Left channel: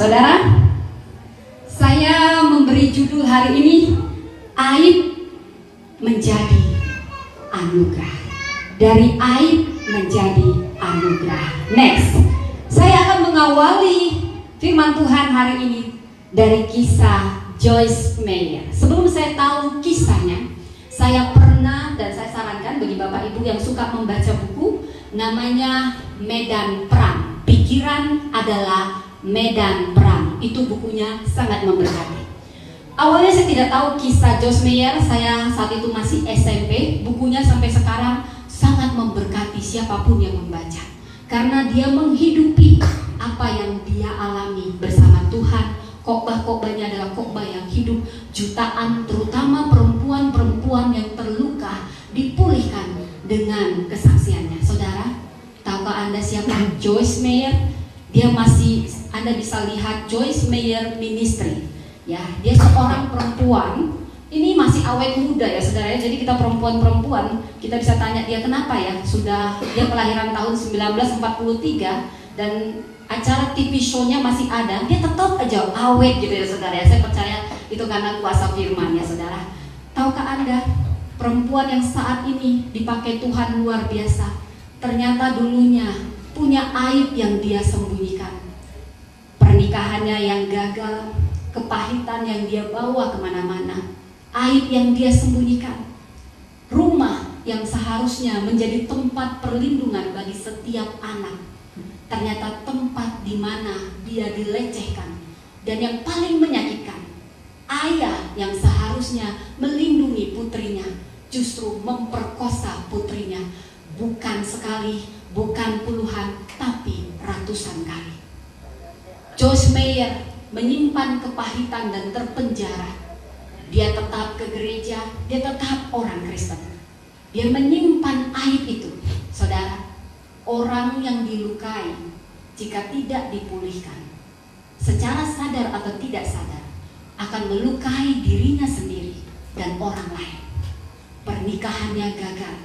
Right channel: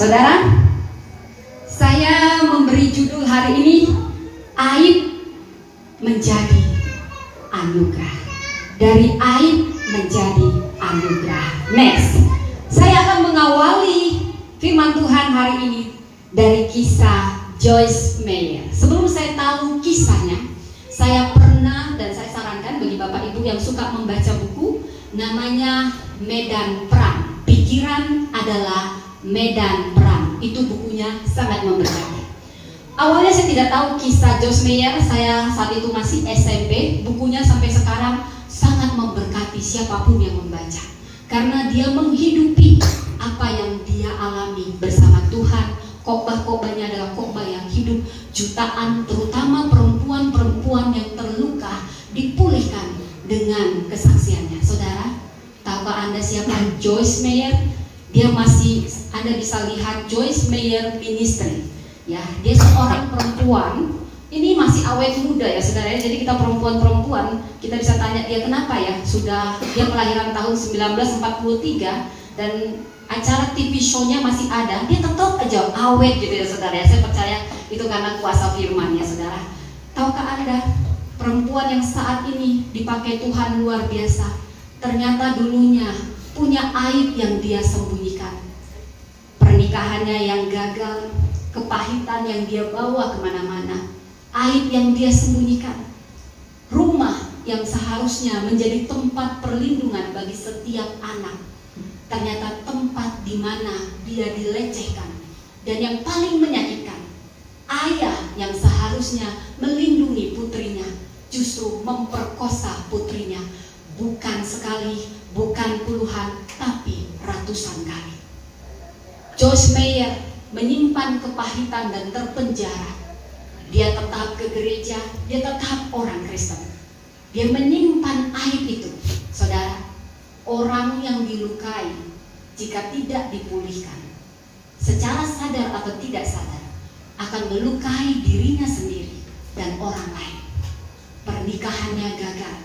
Saudara, saya memberi judul hari ini aib menjadi anugerah. Dari aib menjadi anugerah. Next, saya akan mengawali firman Tuhan hari ini dari kisah Joyce Meyer. Sebelum saya tahu kisahnya, saya pernah dan saya sarankan bagi Bapak Ibu yang suka membaca buku namanya Medan Perang. Pikiran adalah Medan Perang. Itu bukunya sangat memberkati. Awalnya saya tidak tahu kisah Joyce Meyer. Saya saat itu masih SMP. Bukunya sampai sekarang sangat memberkati siapapun yang membaca, karena dia menghidupi apa yang dia alami bersama Tuhan. Khotbah-khotbahnya adalah khotbah yang hidup. Jutaan terutama perempuan-perempuan yang terluka dipulihkan dengan kesaksiannya. Saudara, tahukah Anda siapa Joyce Meyer? Dia masih, Anda bisa lihat Joyce Meyer Ministry. Ya, dia seorang perempuan. Ini masih awet muda ya saudara. Jadi kita perempuan-perempuan, kita bisa tanya dia kenapa ya. Dia kelahiran tahun 1943 dan acara TV show-nya masih ada. Dia tetap aja awet gitu ya saudara ya. Saya percaya itu karena kuasa firman ya saudara. Tahukah Anda, perempuan yang saat ini dipakai Tuhan luar biasa, ternyata dulunya punya aib yang dia sembunyikan. Pernikahannya yang gagal, kepahitan yang dia bawa kemana-mana, aib yang dia sembunyikan. Rumah yang seharusnya menjadi tempat perlindungan bagi setiap anak, ternyata tempat di mana dia dilecehkan. Dan yang paling menyakitkan, ayah yang seharusnya melindungi putrinya justru memperkosa putrinya, bukan sekali, bukan puluhan, tapi ratusan kali. Joyce Meyer menyimpan kepahitan dan terpenjara. Dia tetap ke gereja, dia tetap orang Kristen. Dia menyimpan aib itu. Saudara, orang yang dilukai jika tidak dipulihkan, secara sadar atau tidak sadar, akan melukai dirinya sendiri dan orang lain. Pernikahannya gagal.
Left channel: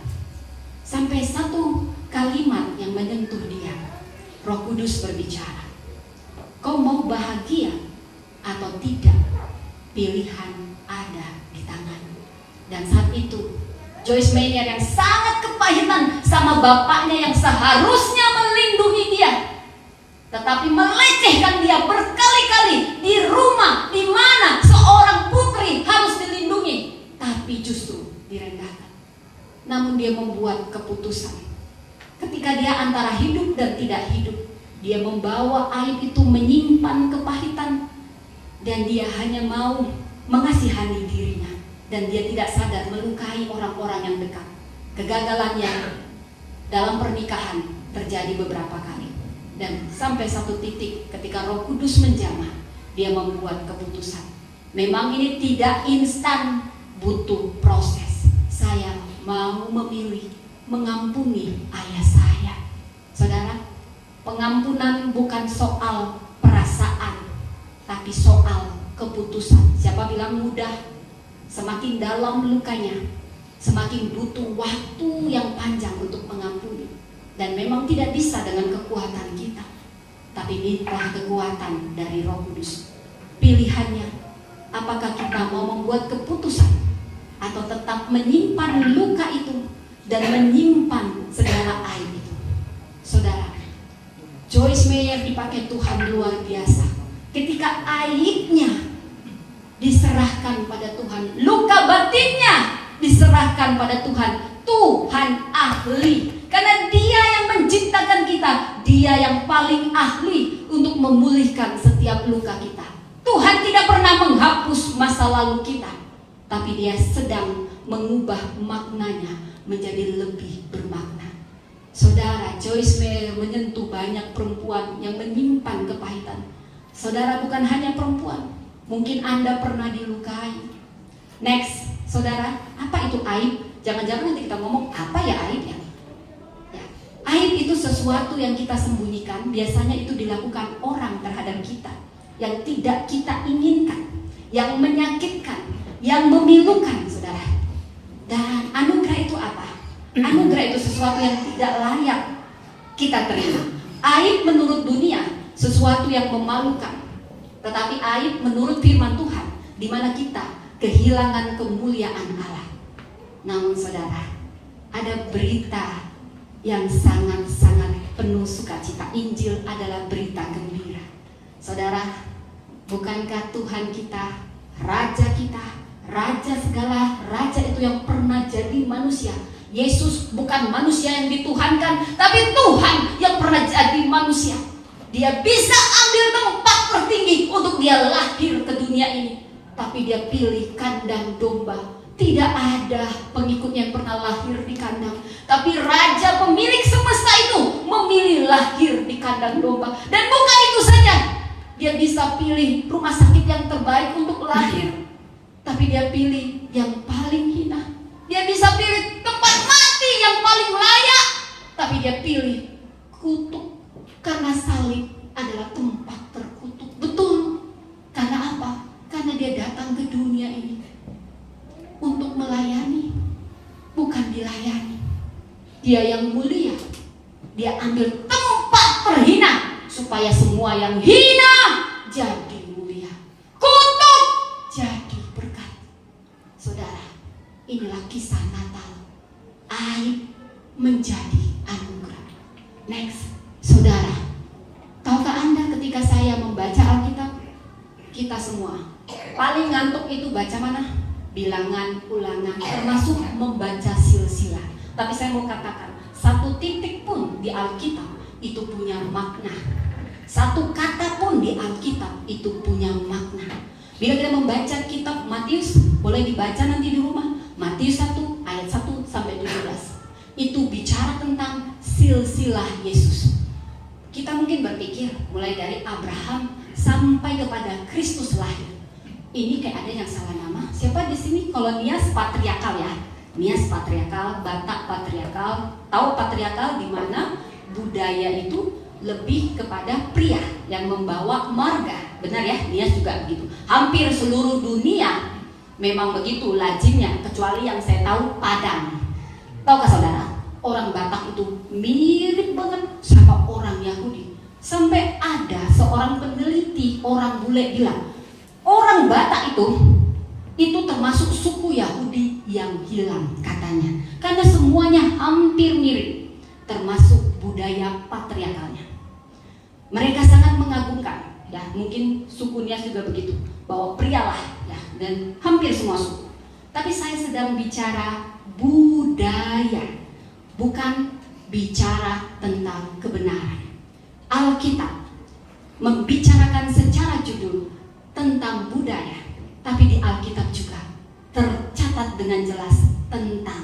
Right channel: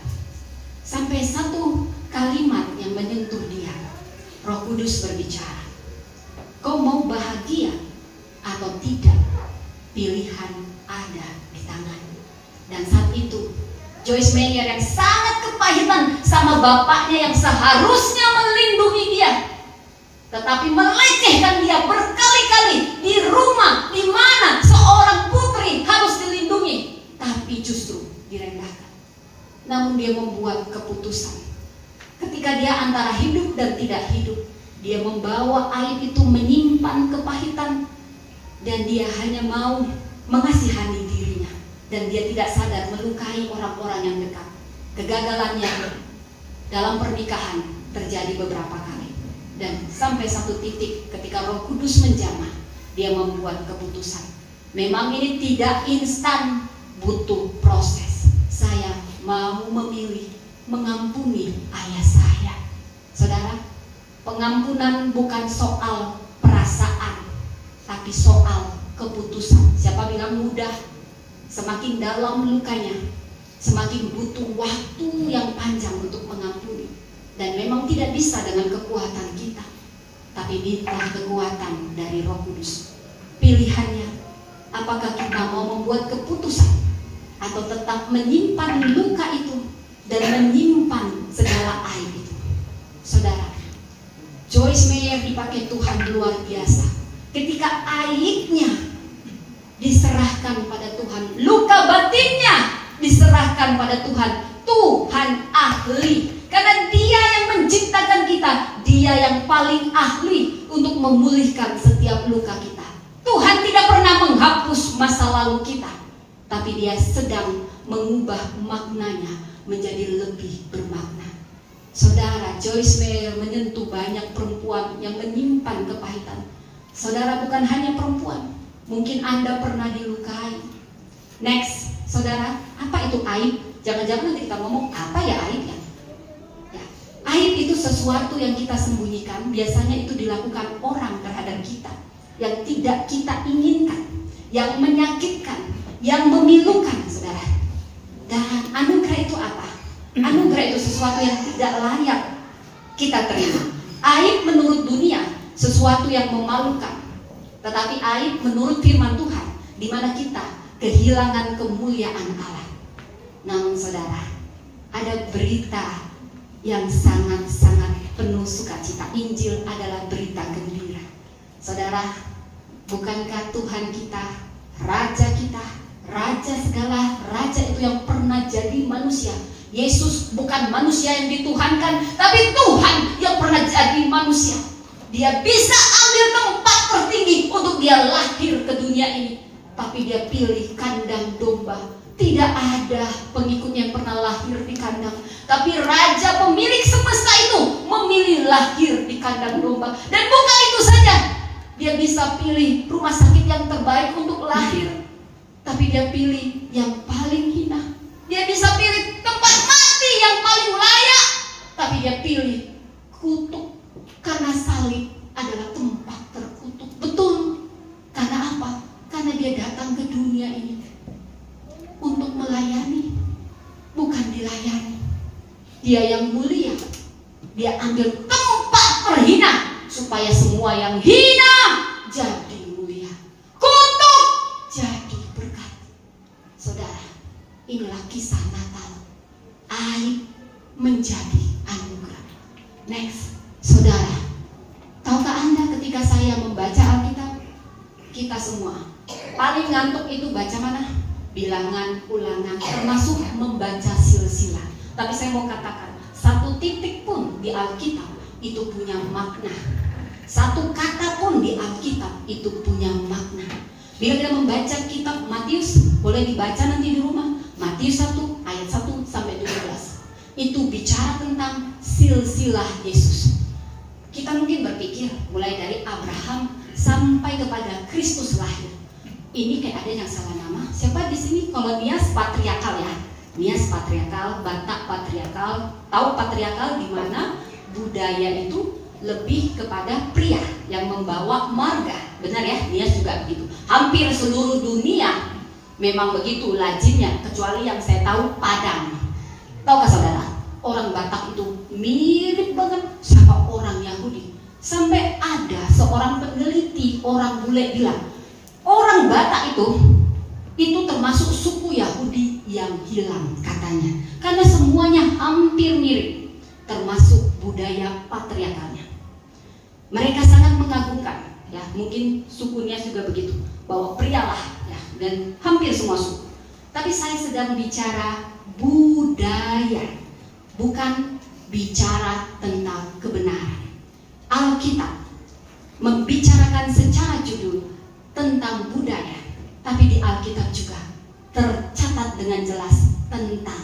Sampai satu kalimat yang menyentuh dia. Roh Kudus berbicara, kau mau bahagia atau tidak? Pilihan ada di tanganmu. Dan saat itu Joyce Meyer yang sangat kepahitan sama bapaknya yang seharusnya melindungi dia, tetapi melecehkan dia berkali-kali di rumah di mana seorang putri harus dilindungi, tapi justru direndahkan. Namun dia membuat keputusan. Ketika dia antara hidup dan tidak hidup, dia membawa aib itu, menyimpan kepahitan, dan dia hanya mau mengasihani dirinya, dan dia tidak sadar melukai orang-orang yang dekat. Kegagalannya dalam pernikahan terjadi beberapa kali, dan sampai satu titik ketika Roh Kudus menjamah, dia membuat keputusan. Memang ini tidak instan, butuh proses. Saya mau memilih mengampuni ayah saya. Saudara, pengampunan bukan soal perasaan, tapi soal keputusan. Siapa bilang mudah? Semakin dalam lukanya, semakin butuh waktu yang panjang untuk mengampuni. Dan memang tidak bisa dengan kekuatan kita, tapi minta kekuatan dari Roh Kudus. Pilihannya, apakah kita mau membuat keputusan atau tetap menyimpan luka itu dan menyimpan segala aib itu. Saudara, Joyce Meyer dipakai Tuhan luar biasa. Ketika aibnya diserahkan pada Tuhan, luka batinnya diserahkan pada Tuhan, Tuhan ahli. Karena dia yang menciptakan kita, dia yang paling ahli untuk memulihkan setiap luka kita. Tuhan tidak pernah menghapus masa lalu kita, tapi dia sedang mengubah maknanya menjadi lebih bermakna. Saudara, Joyce Meyer menyentuh banyak perempuan yang menyimpan kepahitan. Saudara, bukan hanya perempuan, mungkin Anda pernah dilukai. Next, saudara, apa itu aib? Jangan-jangan nanti kita ngomong, apa ya aib ya? Aib itu sesuatu yang kita sembunyikan. Biasanya itu dilakukan orang terhadap kita yang tidak kita inginkan, yang menyakitkan, yang memilukan, saudara. Dan anugerah itu apa? Anugerah itu sesuatu yang tidak layak kita terima. Aib menurut dunia sesuatu yang memalukan. Tetapi aib menurut firman Tuhan, di mana kita kehilangan kemuliaan Allah. Namun saudara, ada berita yang sangat-sangat penuh sukacita. Injil adalah berita gembira. Saudara, bukankah Tuhan kita, Raja kita, Raja segala raja itu yang pernah jadi manusia? Yesus bukan manusia yang dituhankan, tapi Tuhan yang pernah jadi manusia. Dia bisa ambil tempat tertinggi untuk dia lahir ke dunia ini, tapi dia pilih kandang domba. Tidak ada pengikut yang pernah lahir di kandang, tapi Raja pemilik semesta itu memilih lahir di kandang domba. Dan bukan itu saja, dia bisa pilih rumah sakit yang terbaik untuk lahir, tapi dia pilih yang paling hina. Dia bisa pilih tempat mati yang paling layak, tapi dia pilih kutuk, karena salib adalah tempat terkutuk. Betul. Karena apa? Karena dia datang ke dunia ini untuk melayani, bukan dilayani. Dia yang mulia, dia ambil tempat terhina supaya semua yang hina jadi mulia, kutuk jadi berkat. Saudara, inilah kisah Natal. Aib menjadi anugerah. Next, saudara, tahukah Anda ketika saya membaca Alkitab, kita semua paling ngantuk itu baca mana? Bilangan, ulangan, termasuk membaca silsilah. Tapi saya mau katakan, satu titik pun di Alkitab itu punya makna. Satu kata pun di Alkitab itu punya makna. Bila kita membaca kitab Matius, boleh dibaca nanti di rumah. Matius 1 ayat 1 sampai 12. Itu bicara tentang silsilah Yesus. Kita mungkin berpikir mulai dari Abraham sampai kepada Kristus lahir. Ini kayak ada yang salah nama. Siapa di sini kalau Nias patriarkal ya? Nias patriarkal, Batak patriarkal. Tahu patriarkal di mana budaya itu lebih kepada pria yang membawa marga. Benar ya? Nias juga begitu. Hampir seluruh dunia memang begitu lazimnya, kecuali yang saya tahu Padang. Tahukah saudara? Orang Batak itu mirip banget sama orang Yahudi. Sampai ada seorang peneliti, orang bule bilang, orang Batak itu termasuk suku Yahudi yang hilang katanya. Karena semuanya hampir mirip, termasuk budaya patriarkalnya. Mereka sangat mengagungkan, ya mungkin sukunya juga begitu, bahwa prialah, ya, dan hampir semua suku. Tapi saya sedang bicara budaya, bukan bicara tentang kebenaran. Alkitab membicarakan secara judul tentang budaya, tapi di Alkitab juga tercatat dengan jelas tentang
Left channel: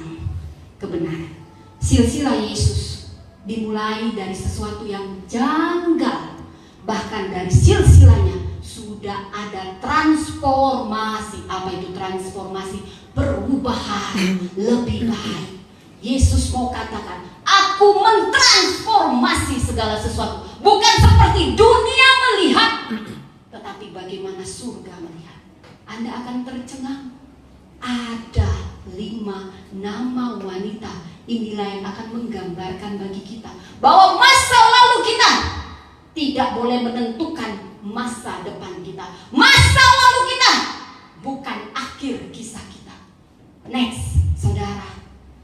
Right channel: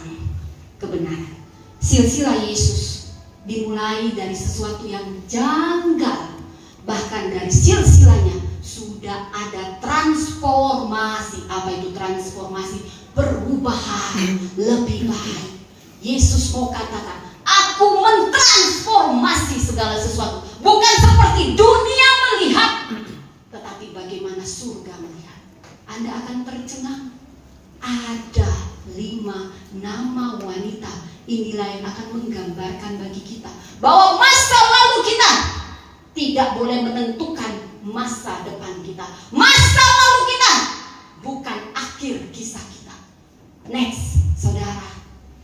kebenaran. Silsilah Yesus dimulai dari sesuatu yang janggal. Bahkan dari silsilahnya sudah ada transformasi. Apa itu transformasi? Perubahan lebih baik. Yesus mau katakan, aku mentransformasi segala sesuatu. Bukan seperti dunia melihat, tetapi bagaimana surga melihat. Anda akan tercengang. Ada 5 nama wanita. Inilah yang akan menggambarkan bagi kita bahwa masa lalu kita tidak boleh menentukan masa depan kita. Masa lalu kita bukan akhir kisah kita. Next, saudara,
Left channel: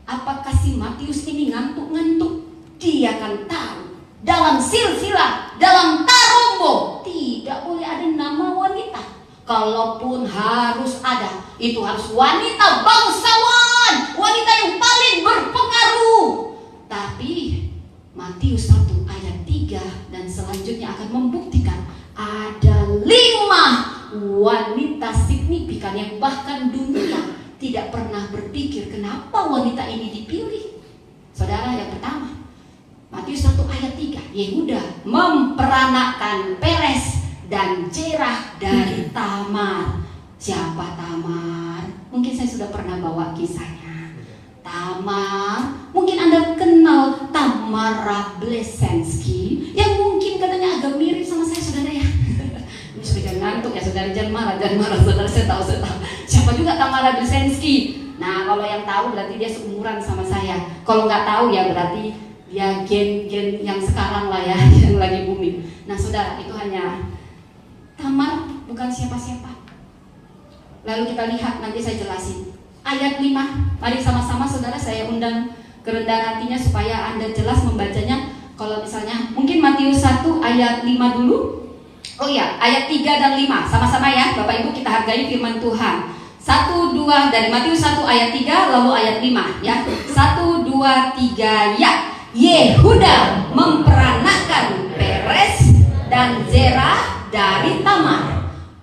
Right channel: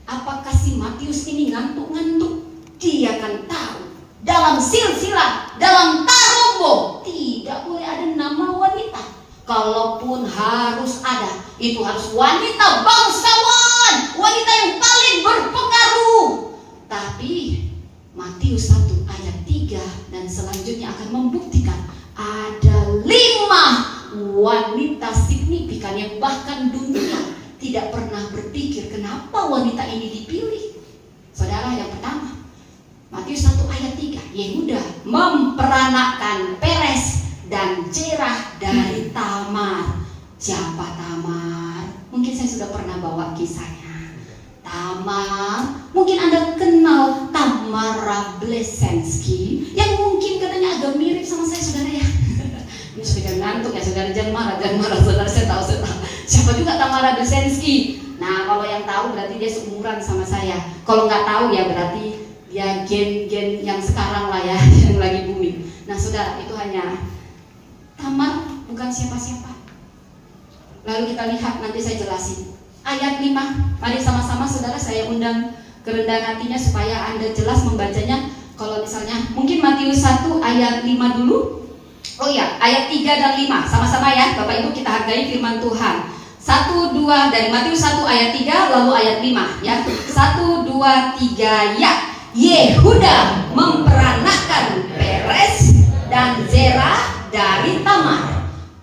apakah si Matius ini ngantuk-ngantuk? Dia akan tahu dalam silsilah, dalam tarombo tidak boleh ada nama wanita. Kalaupun harus ada, itu harus wanita bangsawan, wanita yang paling berpengaruh. Tapi Matius 1 ayat 3 dan selanjutnya akan membuktikan ada 5 wanita signifikan yang bahkan dunia tidak pernah berpikir kenapa wanita ini dipilih. Saudara, yang pertama, Matius 1 ayat 3, Yehuda memperanakkan Peres dan Zerah dari Tamar. Siapa Tamar? Mungkin saya sudah pernah bawa kisahnya. Tamar, mungkin Anda kenal Tamara Blesensky, yang mungkin katanya agak mirip sama saya, saudara ya. Ini sudah ngantuk ya, saudara, jangan marah, saudara, saya tahu. Siapa juga Tamara Blesensky? Nah, kalau yang tahu berarti dia seumuran sama saya. Kalau nggak tahu ya berarti ya gen-gen yang sekarang lah ya, yang lagi booming. Nah, saudara, itu hanya Tamar bukan siapa-siapa. Lalu kita lihat, nanti saya jelasin. Ayat 5, mari sama-sama saudara saya undang kerendahan hatinya supaya Anda jelas membacanya. Kalau misalnya, mungkin Matius 1 ayat 5 dulu. Oh ya, ayat 3 dan 5, sama-sama ya Bapak Ibu, kita hargai firman Tuhan. 1, 2, dari Matius 1 ayat 3, lalu ayat 5 ya. 1, 2, 3, ya. Yehuda memperanakkan Peres dan Zerah dari Tamar.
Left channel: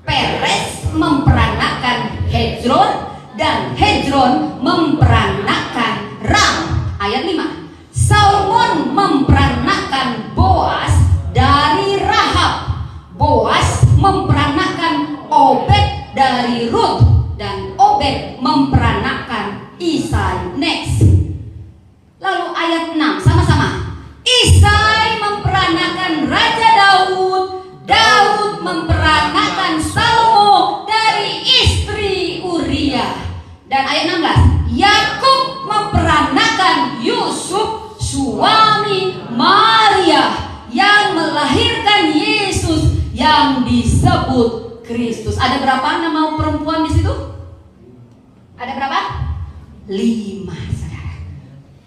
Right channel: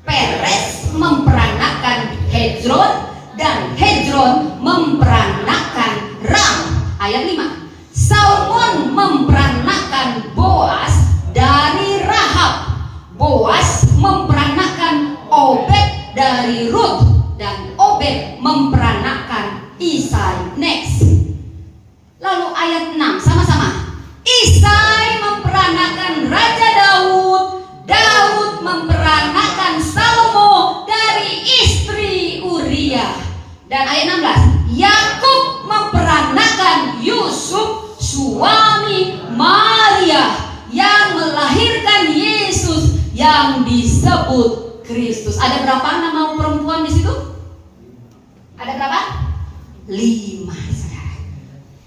Peres memperanakkan Hezron dan Hezron memperanakkan Ram. Ayat 5. Salmon memperanakkan Boas dari Rahab. Boas memperanakkan Obed dari Rut, dan Obed memperanakkan Isai. Next. Lalu ayat 6 sama-sama. Isai memperanakkan Raja Daud. Daud memperanakkan Salomo dari istri Uria. Dan ayat 16. Yakub memperanakkan Yusuf suami Maria yang melahirkan Yesus yang disebut Kristus. Ada berapa nama perempuan di situ? Ada berapa? 5.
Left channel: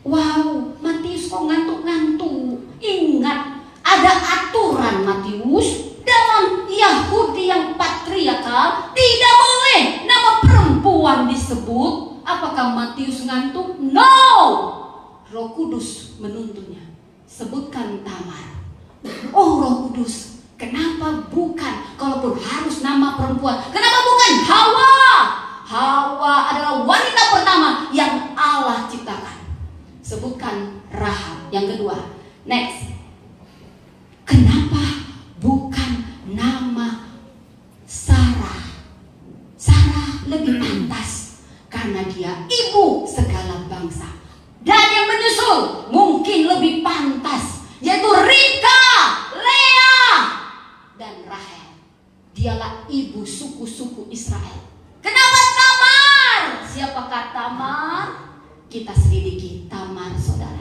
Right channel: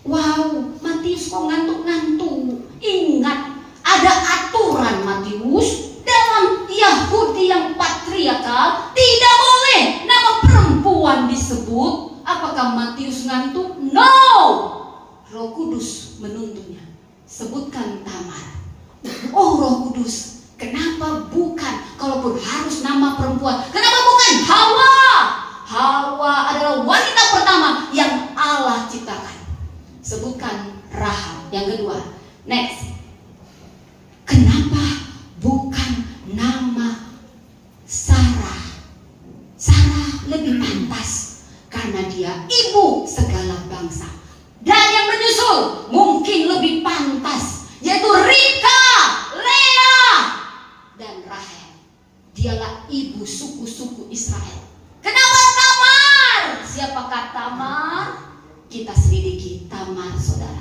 Wow, Matius kok ngantuk-ngantuk. Ingat, ada aturan Matius. Dalam Yahudi yang patriarkal tidak boleh nama perempuan disebut. Apakah Matius ngantuk? No. Roh Kudus menuntutnya. Sebutkan Tamar. Oh Roh Kudus, kenapa bukan? Kalaupun harus nama perempuan, kenapa bukan Hawa? Hawa adalah wanita pertama yang Allah ciptakan. Sebutkan Rahab. Yang kedua, next. Kenapa bukan nama Sarah? Sarah lebih pantas karena dia ibu segala bangsa. Dan yang menyusul mungkin lebih pantas, yaitu Ribka, Lea, dan Rahel. Dialah ibu suku-suku Israel. Kenapa Tamar? Siapakah Tamar? Kita selidiki Tamar, saudara.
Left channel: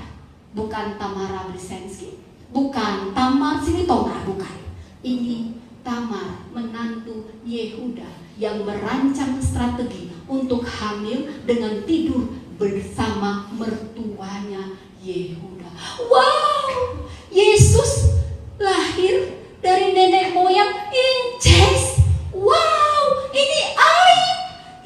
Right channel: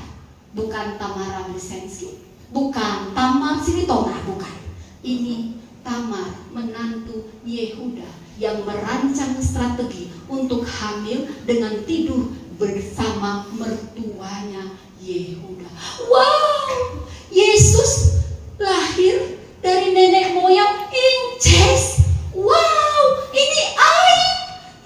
Bukan Tamara Brzezinski, bukan Tamar Silitonga, bukan. Ini Tamar, menantu Yehuda yang merancang strategi untuk hamil dengan tidur bersama mertuanya Yehuda. Wow, Yesus lahir dari nenek moyang incest. Wow, ini aib.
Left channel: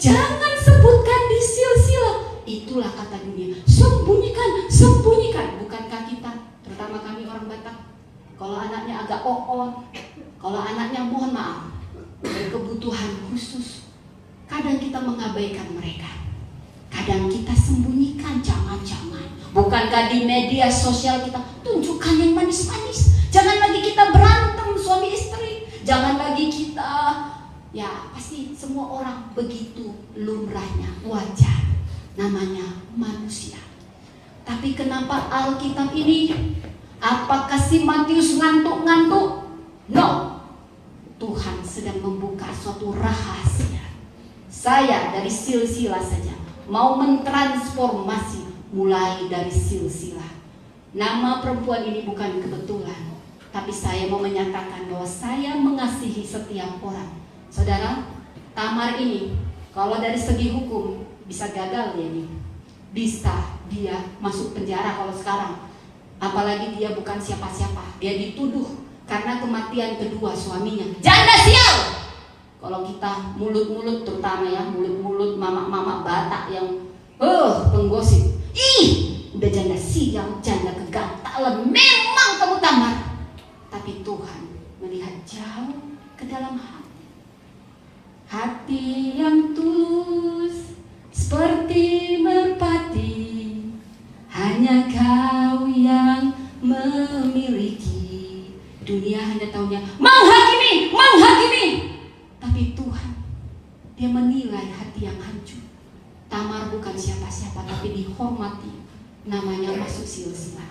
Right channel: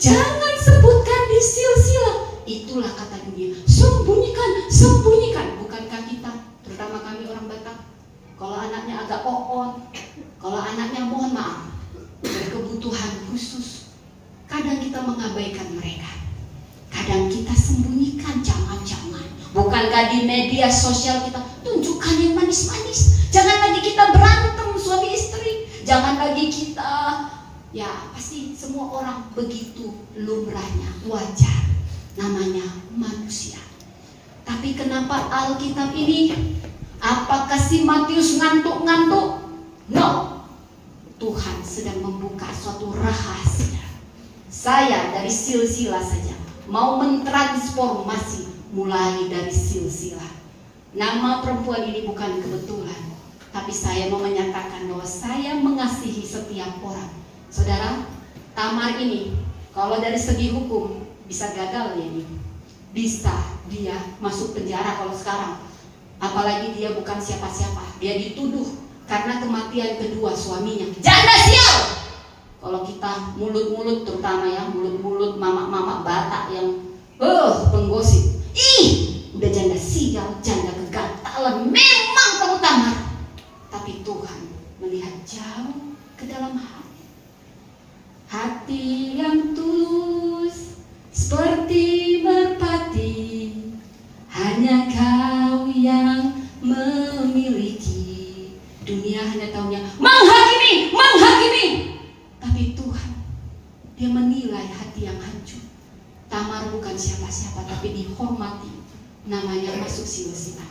Jangan sebutkan di silsilah. Itulah kata dunia. Sembunyikan, sembunyikan. Bukankah kita, terutama kami orang Batak, kalau anaknya agak on, kalau anaknya mohon maaf berkebutuhan khusus, kadang kita mengabaikan mereka. Kadang kita sembunyikan, jangan-jangan. Bukankah di media sosial kita tunjukkan yang manis-manis? Jangan lagi kita berantem suami istri. Jangan lagi kita, ya pasti semua orang begitu lumrahnya, wajar. Namanya manusia. Tapi kenapa Alkitab ini? Apakah si Matius ngantuk-ngantuk? No. Tuhan sedang membuka suatu rahasia. Saya dari silsilah saja mau mentransformasi mulai dari silsilah. Nama perempuan ini bukan kebetulan, tapi saya mau menyatakan bahwa saya mengasihi setiap orang. Saudara, Tamar ini kalau dari segi hukum bisa gagal ya ini. Bisa dia masuk penjara kalau sekarang. Apalagi dia bukan siapa-siapa. Dia dituduh karena kematian kedua suaminya. Janda sial. Kalau kita mulut-mulut, terutama ya mulut-mulut mama-mama Batak yang penggosip. Udah janda sial, janda kegatalan. Memang kamu Tamar. Tapi Tuhan melihat jauh ke dalam hati. Hati yang tulus seperti merpati, hanya Kau yang memiliki. Dunia hanya taunya menghakimi, menghakimi. Tapi Tuhan, Dia menilai hati yang hancur. Tamar bukan siapa-siapa, tapi dihormati. Namanya masuk silsilah.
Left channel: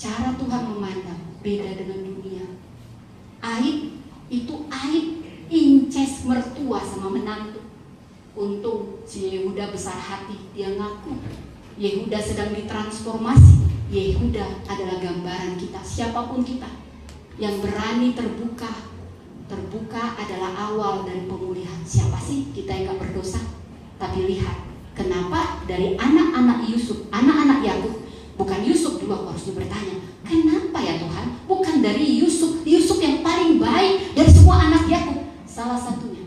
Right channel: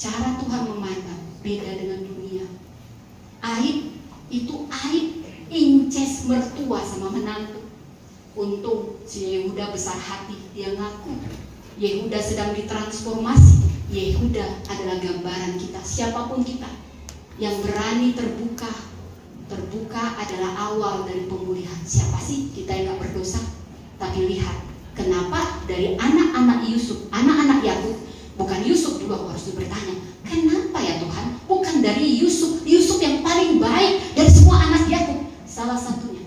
Cara Tuhan memandang beda dengan dunia. Aib itu aib, incest mertua sama menantu. Untung si Yehuda besar hati, dia ngaku Yehuda sedang ditransformasi. Yehuda adalah gambaran kita, siapapun kita yang berani terbuka. Terbuka adalah awal dari melihat kenapa dari anak-anak Yusuf, anak-anak Yakub, bukan Yusuf dulu harus bertanya, kenapa ya Tuhan? Bukan dari Yusuf yang paling baik dari semua anak Yakub. Salah satunya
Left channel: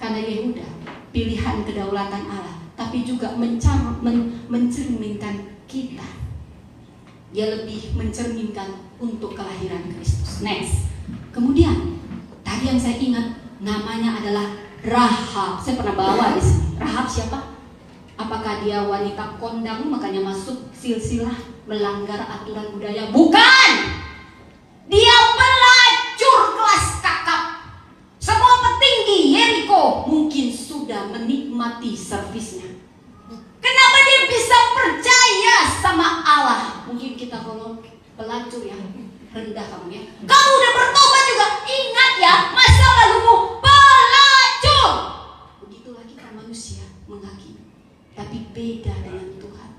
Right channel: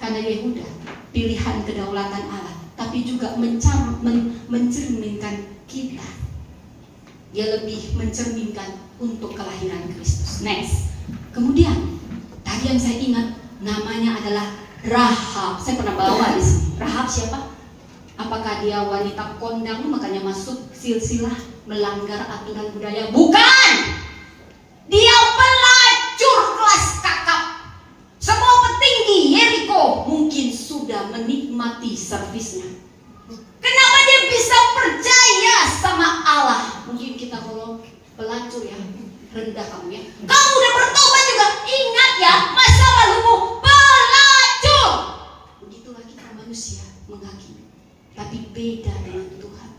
karena Yehuda, pilihan kedaulatan Allah, tapi juga mencerminkan kita. Dia lebih mencerminkan untuk kelahiran Kristus. Next. Kemudian tadi yang saya ingat namanya adalah Rahab. Saya pernah bawa di sini. Rahab siapa? Apakah dia wanita kondang makanya masuk silsilah melanggar aturan budaya? Bukan. Dia pelacur kelas kakap. Semua petinggi Yeriko mungkin sudah menikmati servisnya. Kenapa dia bisa percaya sama Allah? Mungkin kita kalau pelacur ya, rendah kamu ya. Kamu udah bertobat juga, ingat ya masa lalumu pelacur. Begitulah kita manusia menghakimi. Tapi beda dengan Tuhan.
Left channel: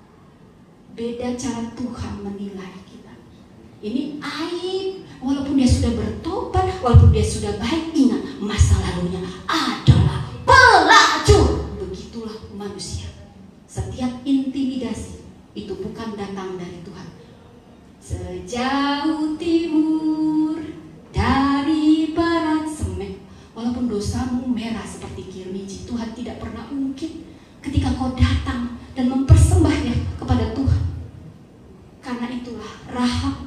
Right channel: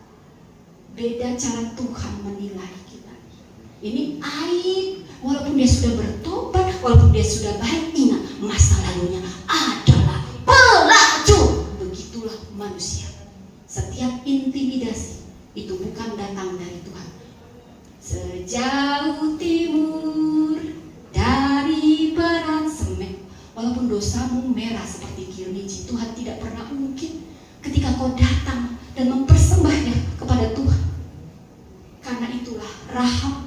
Beda cara Tuhan menilai kita. Ini aib. Walaupun dia sudah bertobat, walaupun dia sudah baik, ingat masa lalunya adalah pelacur. Begitulah manusia. Setiap intimidasi itu bukan datang dari Tuhan. Sejauh timur dari barat semek, walaupun dosamu merah seperti kirmiji, Tuhan tidak pernah ungkit ketika kau datang dan mempersembahnya kepada Tuhan. Karena itulah Rahab,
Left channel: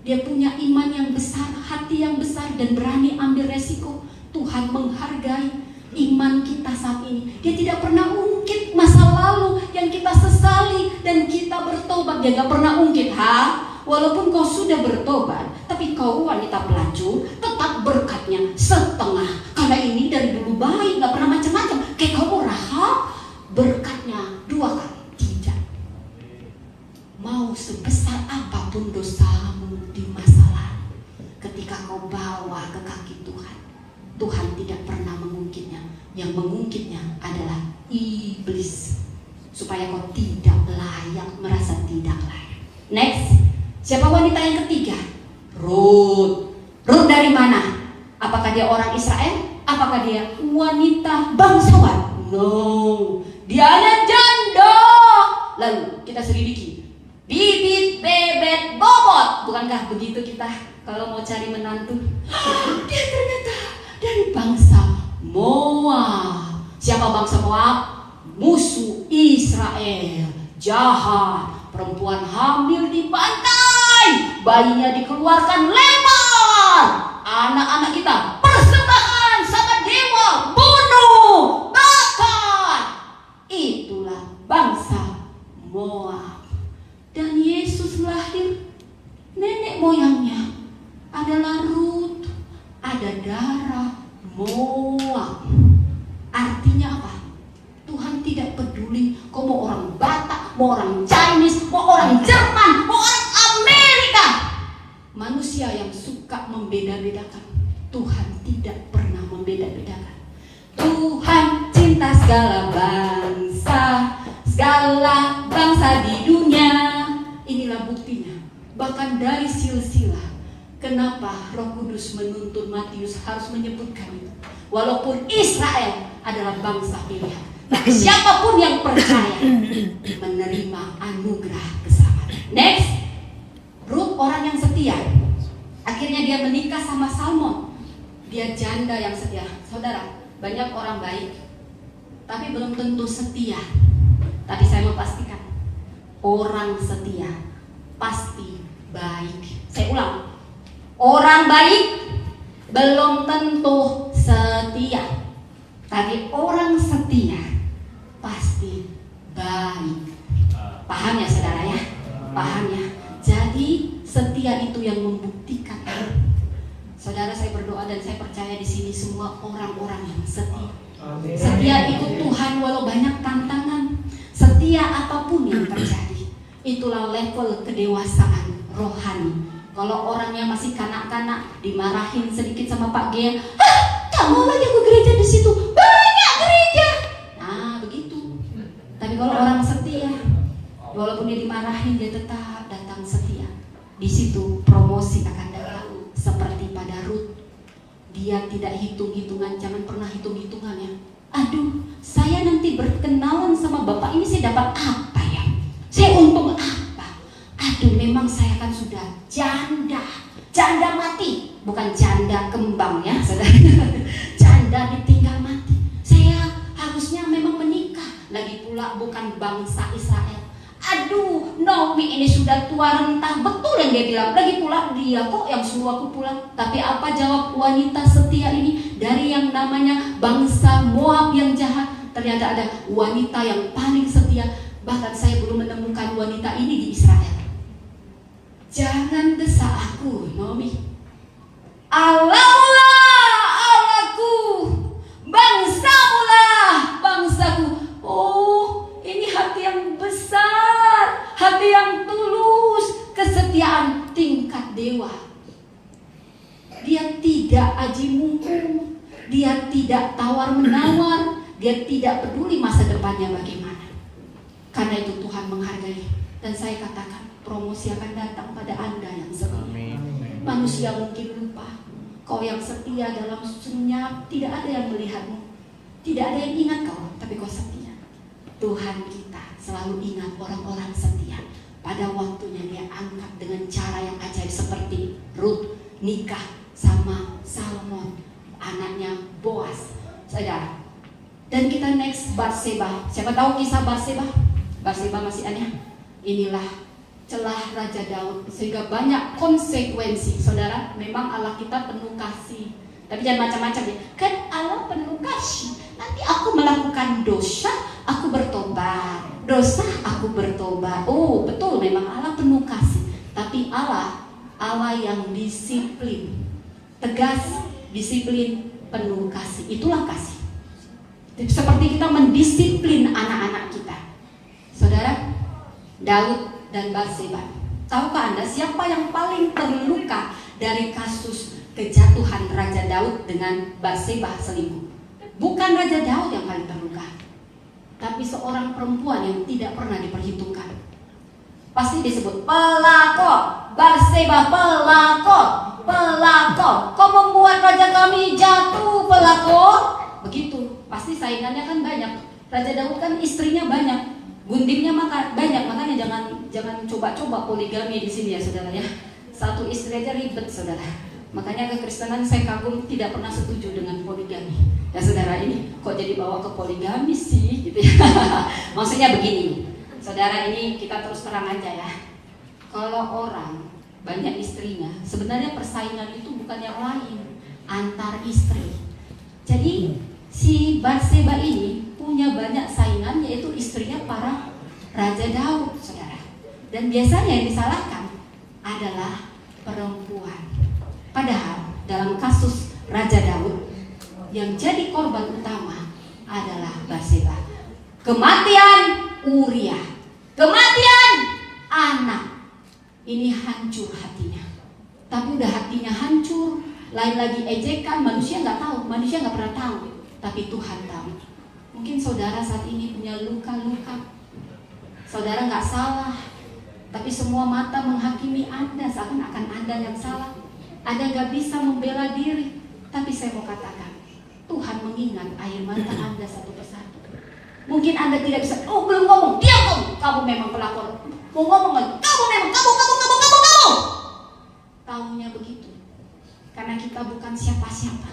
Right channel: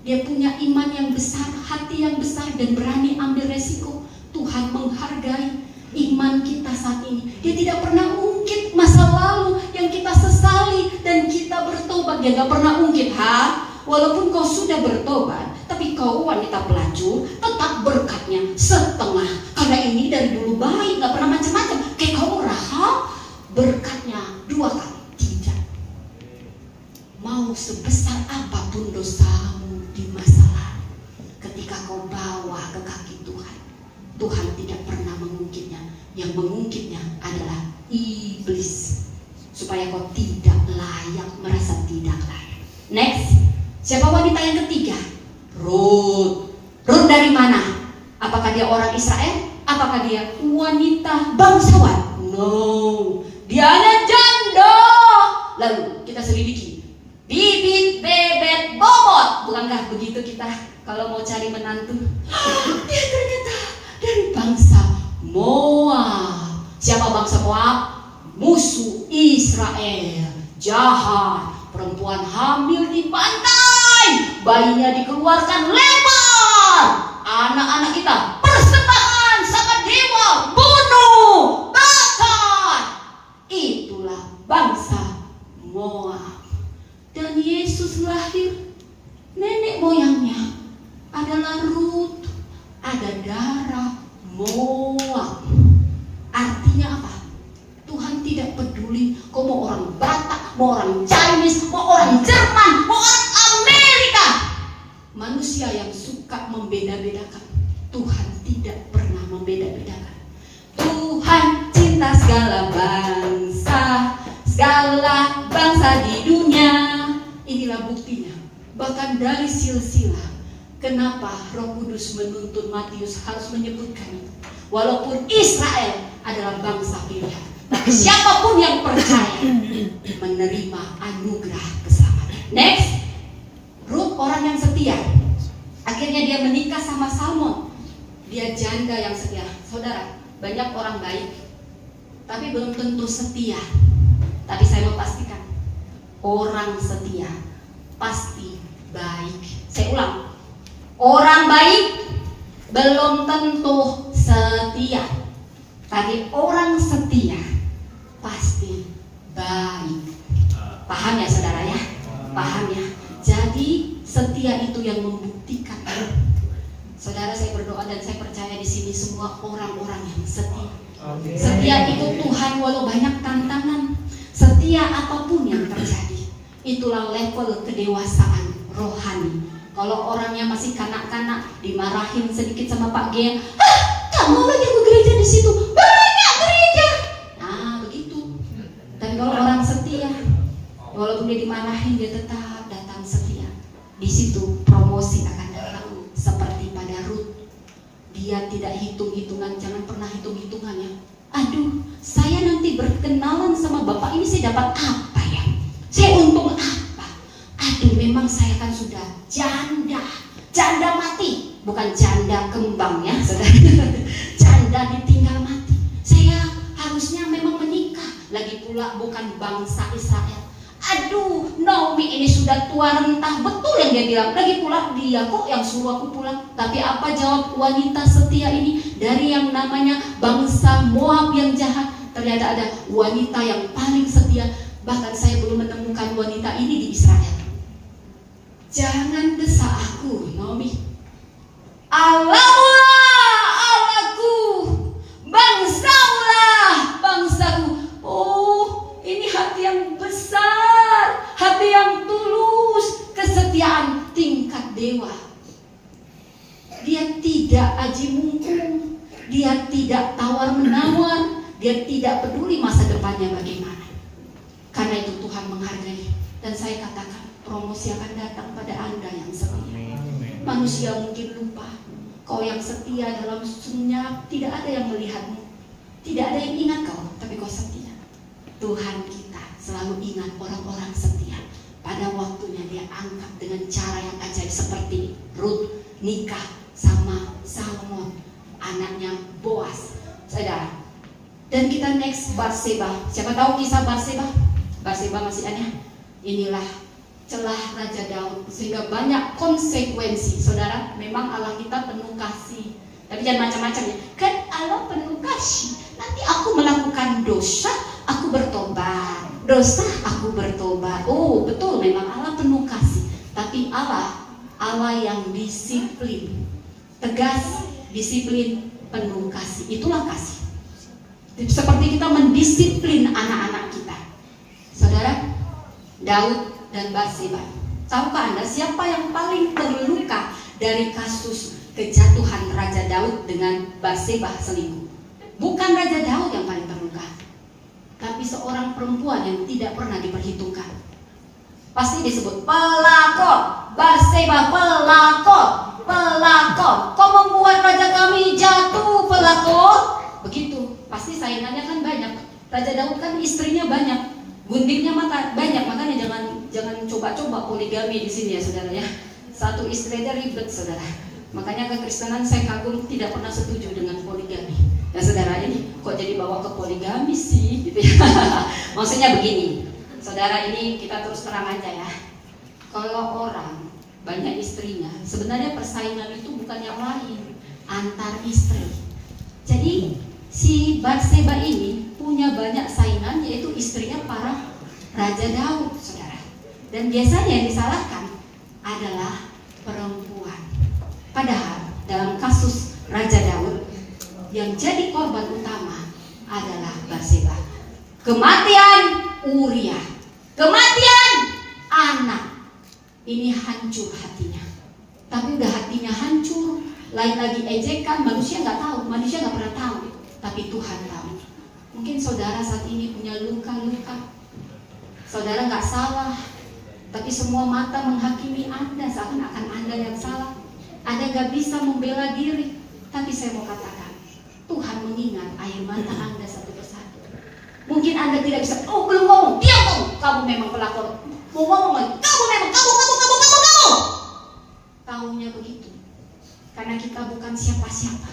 dia punya iman yang besar, hati yang besar, dan berani ambil resiko. Tuhan menghargai iman kita saat ini. Dia tidak pernah ungkit masa lalu yang kita sesali dan kita bertobat. Dia tidak pernah ungkit, walaupun kau sudah bertobat, tapi kau wanita pelacur, tetap berkatnya setengah. Karena ini dari dulu baik, gak pernah macam-macam. Kayak kamu Rahab, berkatnya 2 kali. Tidak. Mau sebesar apapun dosamu di masa lalu, ketika kau bawa ke kaki Tuhan, Tuhan tidak pernah mengungkitnya. Yang mengungkitnya adalah iblis, supaya kau tidak layak, merasa tidak layak. Next. Siapa wanita yang ketiga? Rut. Rut dari mana? Apakah dia orang Israel? Apakah dia wanita bangsawan? No. Dia hanya janda. Lalu kita selidiki. Bibit, bebet, bobot. Bukankah begitu kita kalau mau cari menantu? Dia ternyata dari bangsa Moab. Siapa bangsa Moab? Musuh Israel. Jahat. Perempuan hamil di pantai, bayinya dikeluarkan lebar. Anak-anak kita persembahan sama dewa, bunuh, bakar. Itulah bangsa Moab. Dan Yesus lahir, nenek moyangnya adalah Rut, ada darah Moab. Artinya apa? Tuhan tidak peduli kau mau orang Batak, mau orang Chinese, mau orang Jerman, mau orang Amerika. Manusia yang suka membeda-bedakan, Tuhan tidak pernah membeda-bedakan. Tuhan cinta segala bangsa di dunia. Inilah buktinya. Bahkan dari silsilah, kenapa Roh Kudus menuntun Matius harus menyebutkan itu. Walaupun Israel adalah bangsa pilihan, tapi siapapun yang percaya menerima anugerah keselamatan. Next, Rut orang yang setia. Akhirnya dia menikah sama Salmon. Dia janda yang setia. Saudara, banyak orang baik, tapi belum tentu setia. Tapi saya mau pastikan, orang setia pasti baik. Saya ulang, orang baik belum tentu setia. Tapi orang setia pasti baik. Paham ya saudara ya? Paham ya? Jadi setia itu yang membuktikan. Saudara, saya berdoa dan saya percaya di sini semua orang-orang yang setia. Setia ikut Tuhan walau banyak tantangan. Setia apapun yang terjadi. Itulah level kedewasaan rohani. Kalau orangnya masih kanak-kanak, dimarahin sedikit sama Pak Gia, kamu lagi ke gereja di situ, banyak gereja. Nah begitu. Tapi kalau orang setia, walaupun dia dimarahin, dia tetap datang setia. Di situ promosi akan datang. Seperti pada Rut, dia tidak hitung-hitungan, jangan pernah hitung-hitungan ya. Aduh, saya nanti berkenalan bangsa Israel. Aduh, Naomi ini sudah tua renta. Betul yang dia bilang. Lagi pula dia kok yang suruh aku pulang. Tapi apa jawab wanita setia ini? Dari yang namanya bangsa Moab yang jahat, ternyata ada wanita yang paling setia. Bahkan saya belum menemukan wanita ini di Israel. Jangan desak aku, Naomi. Allahlah Allahku, bangsamu lah bangsaku. Oh, ini hati yang besar, hati yang tulus, kesetiaan tingkat dewa. Dia tidak aji mumpung, dia tidak tawar menawar, dia tidak peduli masa depannya bagaimana. Karena itu Tuhan menghargai. Dan saya katakan, promosi akan datang pada Anda yang setia. Manusia mungkin lupa, kau yang setia dalam senyap, tidak ada yang melihatmu, tidak ada yang ingat kau, tapi kau setia. Tuhan kita selalu ingat orang-orang setia. Pada waktunya dia angkat dengan cara yang ajaib, seperti Ruth nikah sama Salmon, anaknya Boaz, saudara. Dan kita next Batseba. Siapa tahu kisah Batseba? Batseba masih ada. Inilah celah Raja Daud, sehingga banyak konsekuensi. Saudara, memang Allah kita penuh kasih, tapi jangan macam-macam ya. Kan Allah penuh kasih. Nanti aku melakukan dosa, aku bertobat. Dosa, aku bertobat. Oh, betul, memang Allah penuh kasih. Tapi Allah yang disiplin, tegas, disiplin, penuh kasih. Itulah kasih. Seperti kita mendisiplin anak-anak kita. Saudara, Daud dan Batseba. Tahukah Anda siapa yang paling terluka dari kasus kejatuhan Raja Daud dengan Batseba selingkuh? Bukan Raja Daud yang paling terluka, tapi seorang perempuan yang tidak pernah diperhitungkan. Pasti disebut pelakor. Batseba pelakor, pelakor. Kau membuat raja kami jatuh, pelakor. Begitu. Pasti saingannya kan banyak. Raja Daud kan istrinya banyak, guntingnya banyak, makanya jangan coba-coba poligami di sini ya saudara ya. Satu istri aja ribet saudara. Makanya kekristenan saya kagum tidak pernah setuju dengan poligami. Ya saudara, ini kok jadi bawa ke poligami sih gitu ya. Maksudnya begini, saudara, ini kita terus terang aja ya. Kalau orang banyak istrinya, sebenarnya persaingan itu bukan yang lain, antar istri. Jadi si Batseba ini punya banyak saingan, yaitu istrinya para Raja Daud, saudara. Dan biasanya yang disalahkan adalah perempuan. Padahal dalam kasus Raja Daud, yang jadi korban utama adalah Batseba. Kematian Uria, kematian anak. Ini hancur hatinya. Tapi udah hatinya hancur, lain lagi ejekan, manusia nggak tahu, manusia nggak pernah tahu, tapi Tuhan tahu. Mungkin saudara saat ini punya luka-luka. Saudara nggak salah, tapi semua mata menghakimi Anda seakan-akan Anda yang salah. Anda nggak bisa membela diri. Tapi saya mau katakan, Tuhan mengingat air mata Anda satu persatu. Mungkin Anda tidak bisa, oh belum ngomong, diam kamu memang pelakor. Mau ngomong lagi, kamu memang, kamu. Tahunya begitu. Karena kita bukan siapa-siapa.